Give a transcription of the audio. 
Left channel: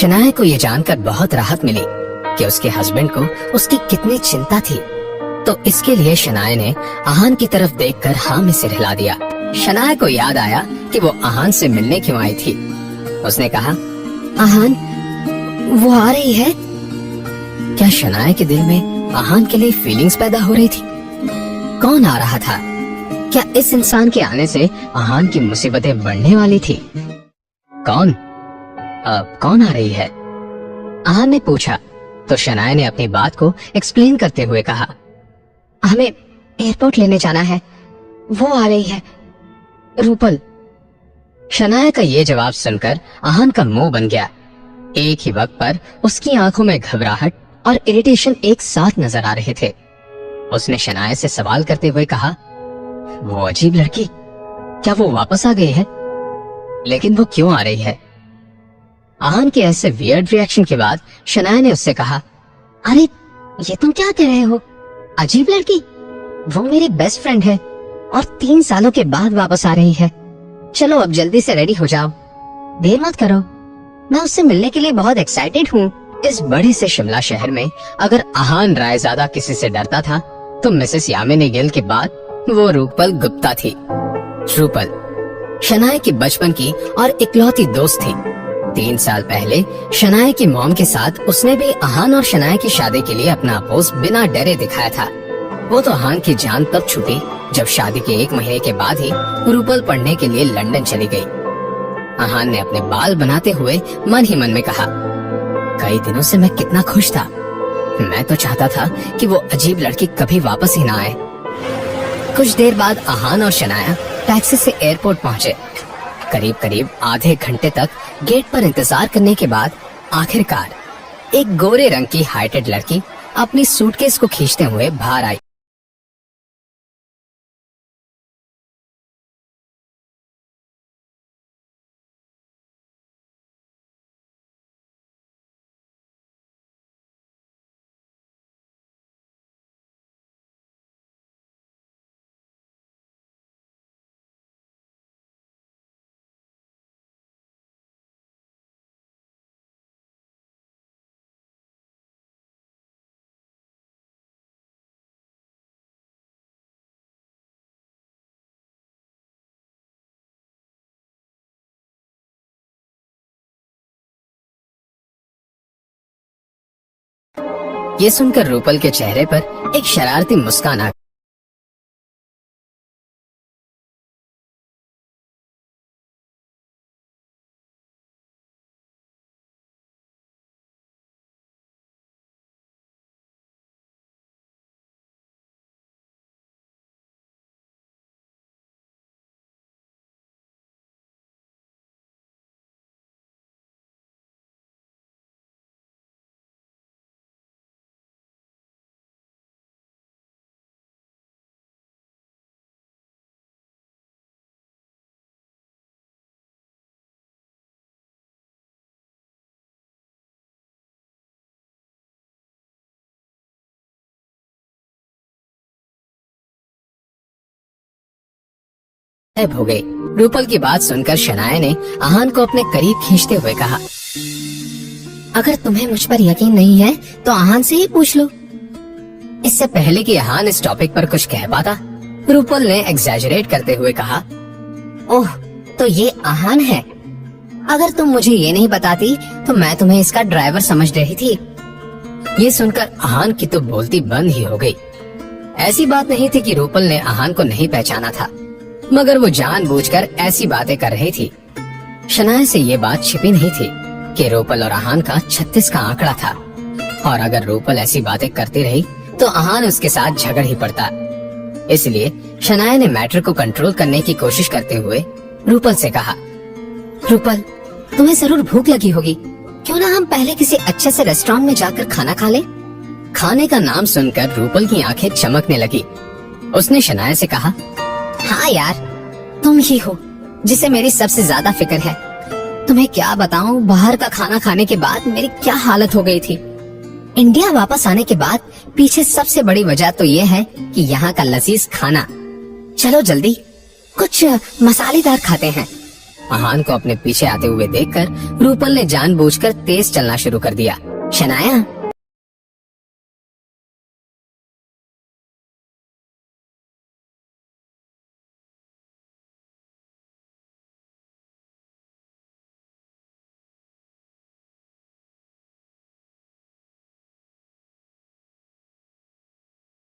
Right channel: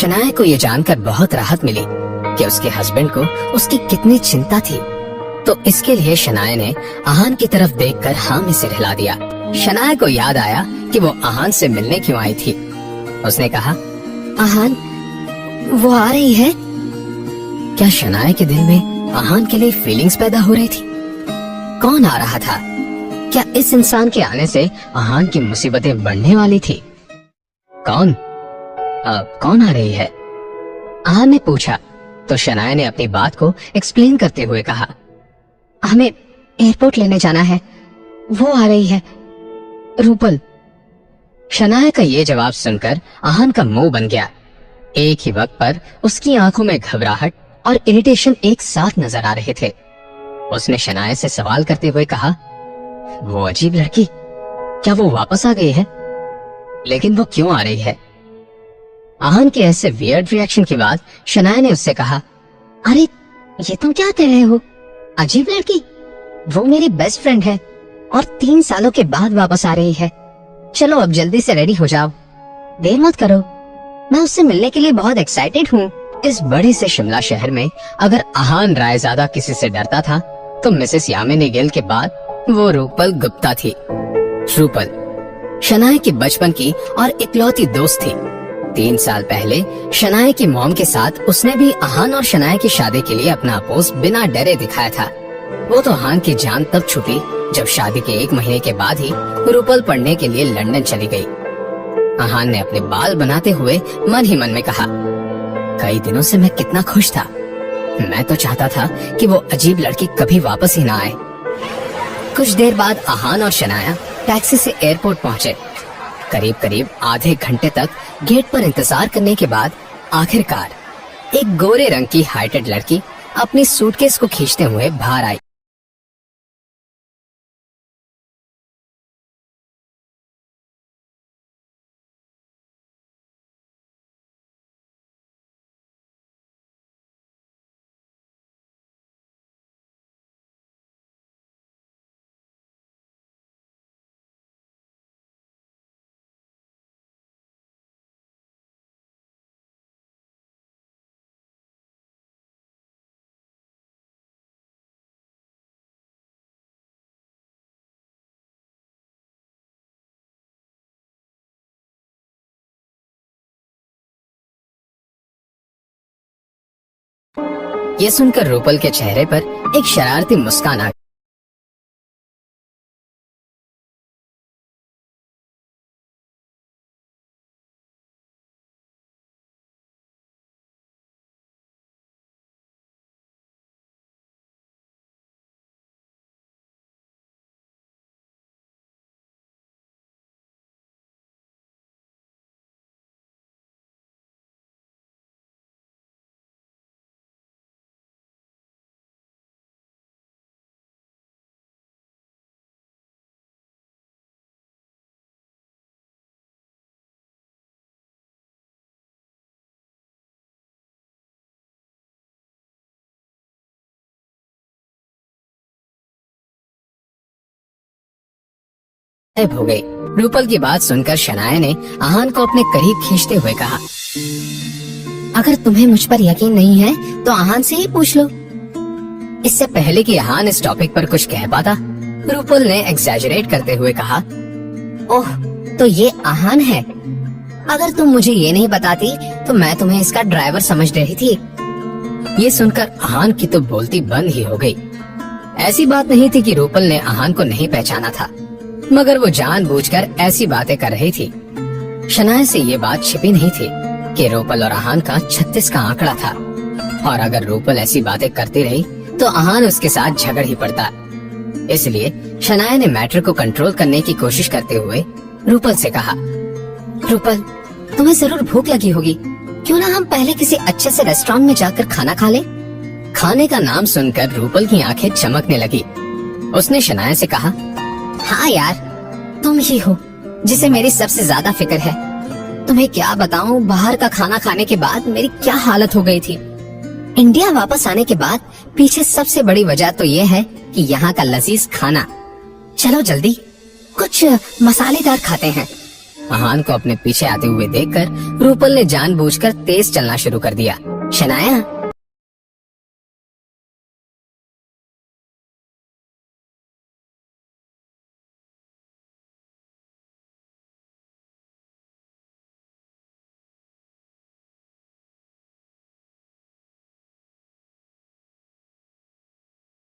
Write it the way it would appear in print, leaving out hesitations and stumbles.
शनाया को ये जानकर बहुत राहत मिली कि उसके हस्बैंड को उसकी कितनी चिंता थी। तो इसके लिए शनाया ने आहान की तरफ देखकर हाँ में सिर हिला दिया। शनाया को याद आया कि वो आहान से मिलने क्यों आई थी। उसने कहा, आहान वो आ रही है। क्या शनाया के दिल में आहान के लिए फीलिंग्स पैदा हो रही थी? कौन आ रहा था? क्या इस इंसान के आने से आहान की मुसीबतें बढ़ने वाली थी? कौन कौन आ रही है? आहान ने पूछा तो शनाया ने अपनी बात को एक्सप्लेन करते हुए कहा, हमें एयरपोर्ट लेने जाना है, वो आ रही है, रूपल। शनाया का ये जवाब सुनकर आहान का मुंह बन गया। एक ही वक्त पर उसकी आंखों में घबराहट और इरिटेशन एक साथ नजर आ रहे थे। उसने शनाया से सवाल करते हुए कहा, वो अजीब लड़की, क्या वो वापस आ गई है? लेकिन वो क्यों आ रही है? आहान के ऐसे वियर्ड रिएक्शन के बाद शनाया ने उससे कहा, अरे ये तुम क्या कह रहे हो? अजीब लड़की? वो मेरी बेस्ट फ्रेंड है और 3 सालों के बाद वापस आ रही है। चलो अब जल्दी से रेडी हो जाओ, देर मत करो, मैं उससे मिलने के लिए बहुत एक्साइटेड हूँ। इस बड़े से शिमला शहर में अगर आहान रायजादा किसी से डरता था तो मिसेस यामिनी गिल के बाद वो रूपल गुप्ता थी। रूपल शनाया की बचपन की और इकलौती दोस्त थी। 3 साल पहले शनाया की मॉम के साथ उसने भी आहान और शनाया की शादी के लिए अपना अपोज बिना डरे दिखाया था। वो तो आहान की जान तब छूटी जब शादी के 1 महीने के बाद ही रूपल पढ़ने के लिए लंदन चली गई। आहान ने अपने बाल बनाते हुए मन ही मन में कहा, कई दिनों से मैं कितना खुश था। मैं तो चाहता था कि वो अजीब लड़की कभी वापस ही ना आए। कुछ देर बाद आहान और शनाया टैक्सी से एयरपोर्ट पहुंचे। करीब आधे घंटे तक गेट पर इंतजार करने के बाद आखिरकार एक गोरे रंग की हाइटेड लड़की अपनी सूटकेस को खींचते हुए बाहर आई। ये सुनकर रूपल के चेहरे पर एक शरारती मुस्कान आ गई। गायब हो गई। रूपल की बात सुनकर शनाया ने आहान को अपने करीब खींचते हुए कहा, अगर तुम्हें मुझ पर यकीन नहीं है तो आहान से ही पूछ लो। इससे पहले कि आहान इस टॉपिक पर कुछ कह पाता, रूपल ने एग्जैजरेट करते हुए कहा, ओह तो ये आहान है। अगर तुम मुझे ये नहीं बताती तो मैं तुम्हें इसका ड्राइवर समझ रही थी। ये सुनकर आहान की तो बोलती बंद ही हो गई। ऐसी बात नहीं थी कि रूपल ने आहान को नहीं पहचाना था, मगर वो जानबूझकर ऐसी बातें कर रही थी। शनाया से ये बात छिपी नहीं थी कि रूपल और आहान का 36 का आंकड़ा था, और अगर रूपल ऐसी बातें करती रही तो आहान उसके साथ झगड़ ही पड़ता। इसलिए शनाया ने मैटर को कंट्रोल करने की कोशिश करते हुए रूपल से कहा, रूपल तुम्हें जरूर भूख लगी होगी, क्यों ना हम पहले किसी अच्छे से रेस्टोरेंट में जाकर खाना खा ले। खाने का नाम सुनकर रूपल की आंखें चमकने लगी। उसने शनाया से कहा, हाँ यार, तुम ही हो जिसे मेरी सबसे ज्यादा फिक्र है। तुम्हें क्या बताऊं, बाहर का खाना खाने के बाद मेरी क्या हालत हो गई थी। इंडिया वापस आने के बाद पीछे सबसे बड़ी वजह तो ये है कि यहाँ का लजीज खाना। चलो जल्दी कुछ मसालेदार खाते हैं। आहान को अपने पीछे आते हुए देखकर रूपल ने जानबूझकर तेज चलना शुरू कर दिया। शनाया